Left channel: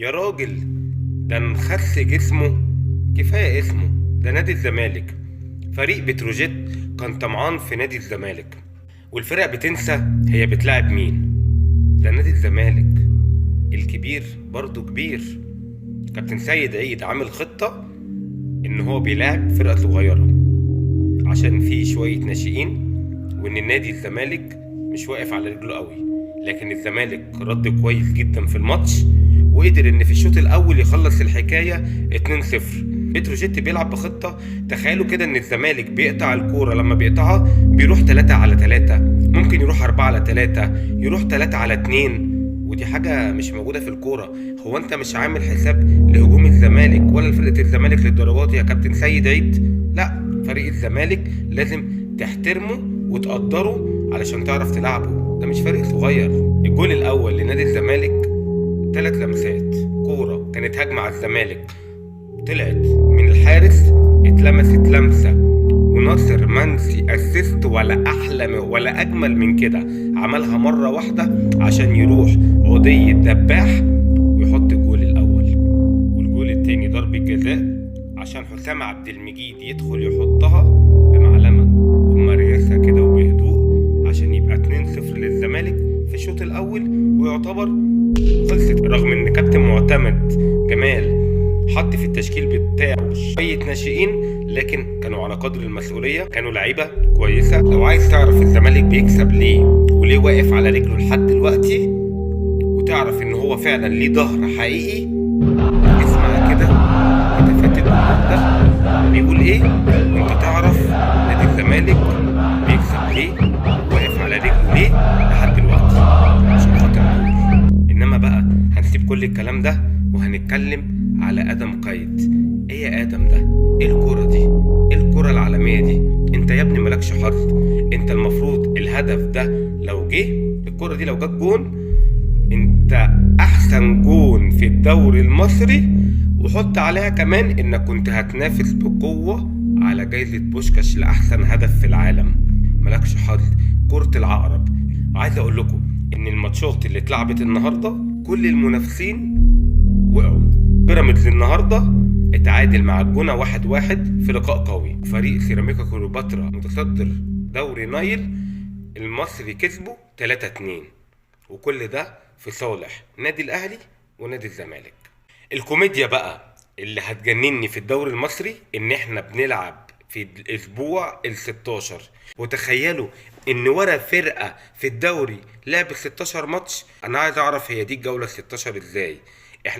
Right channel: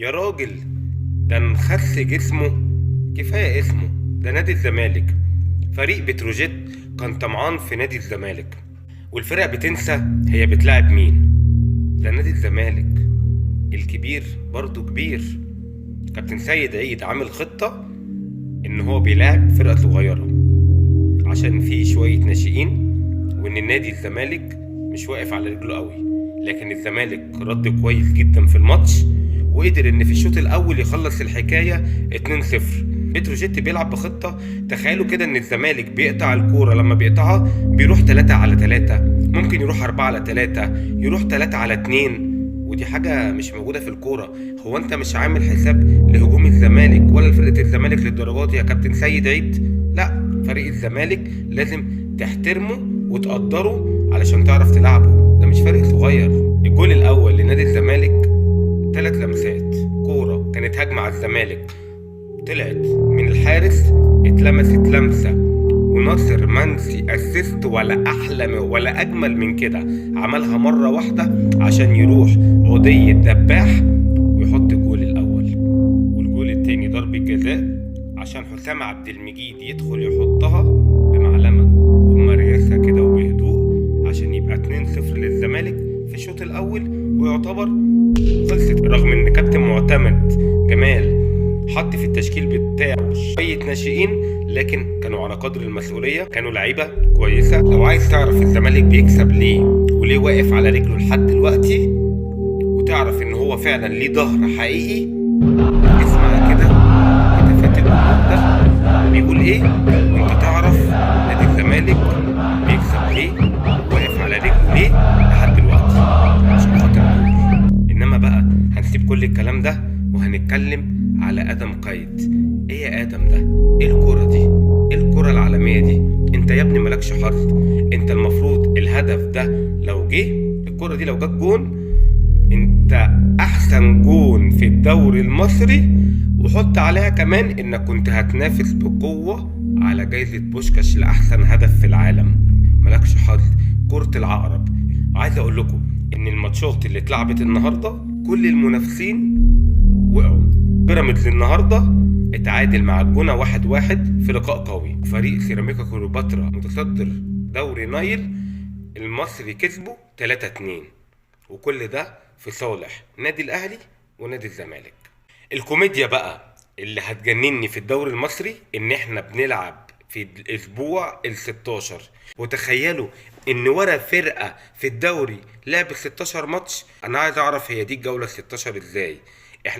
يا راجل، ده نخس جسمه كفاية اسمه. ده نادي الزمالك. فريق بتروجيت كان طمعان في نادي الزمالك، والفرق بتنسى هي بتلعب مين. ده نادي الزمالك الكبير برضه كبير. كابتن سيد عيد عامل خطة ان هو بيلاعب فرقة صغيرة عشان فيه شوية ناشئين، وان النادي الزمالك مش واقف على رجله قوي. لكن الزمالك رد كويس جدا في الماتش، وقدر ان في الشوط الاول يخلص الحكاية 2-0. بتروجيت بيلعب بخطة. تخيلوا كده ان الزمالك بيقطع الكورة، لما بيقطعها بيروح 3-على-3، ممكن يروح 4-على-3، يروح 3-على-2. ودي حاجة مش موجودة في الكورة. هو انت مش عامل حساب لهجوم الزمالك ولا لفرقة الزمالك للدرجات يا كابتن سيد عيد؟ لا، فريق الزمالك لازم تحترمه وتقدره علشان تعرف تلعبه. ده مش فريق صغير. الجول الاول لنادي الزمالك 3 لمسات كورة، كانت هجمة على الزمالك، طلعت من الحارس، اتلمست لمسة، وناصر منسي اسيست ولا احلى ولا اجمل من كده. عملها مرة واحدة عشان يروح عدي الدباح ويحط الجول الاول. والجول التاني ضربة جزاء عشان حسام عبد المجيد يدخل يحطها بمعلمة وبمريسة كده وبهدوء، عشان يبقى 2-0 للزمالك في الشوط الاول، ويعتبر خلصت. رغم ان كابتن معتمد جمال حط في التشكيل بتاعه شوية ناشئين، لكن كانوا على قدر المسؤولية، كانوا لعيبة كويسة. لو عايز تعرف الزمالك بيكسب ليه وليه واقف على رجله لحد دلوقتي، وتعرف ان هو فعلا ليه ظهر حقيقي، اسمع كده هتافات الجمهور ده بيقول ايه، وانت تعرف نادي الزمالك بيكسب ليه وواقف على رجله ليه لحد دلوقتي، عشان خاطر دول. انما بقى هنسيب كل الكلام ده وهنتكلم على ادم قيد. ايه يا ادم ده؟ ايه الكرة دي؟ ايه الكرة العالمية دي؟ انت يا ابني مالكش حظ. انت المفروض الهدف ده لو جه، الكرة دي لو جت جون، انت احسن جون في الدوري المصري، وحط عليها كمان انك كنت هتنافس بقوة على جايزة بوشكاش لأحسن هدف في العالم. ملكش حظ، كرة العقرب. عايز اقول لكم ان الماتشات اللي اتلعبت النهاردة كل المنافسين وقعوا. بيراميدز النهاردة اتعادل مع الجونة 1-1 في لقاء قوي. فريق سيراميكا كليوباترا متصدر دوري نايل المصري كسبه 3-2، وكل ده في صالح نادي الاهلي ونادي الزمالك. الكوميديا بقى اللي هتجنني في الدوري المصري ان احنا بنلعب في الاسبوع ال16، وتخيلوا ان ورا فرقة في الدوري لعب 16 ماتش. انا عايز اعرف هي دي الجولة 16 ازاي؟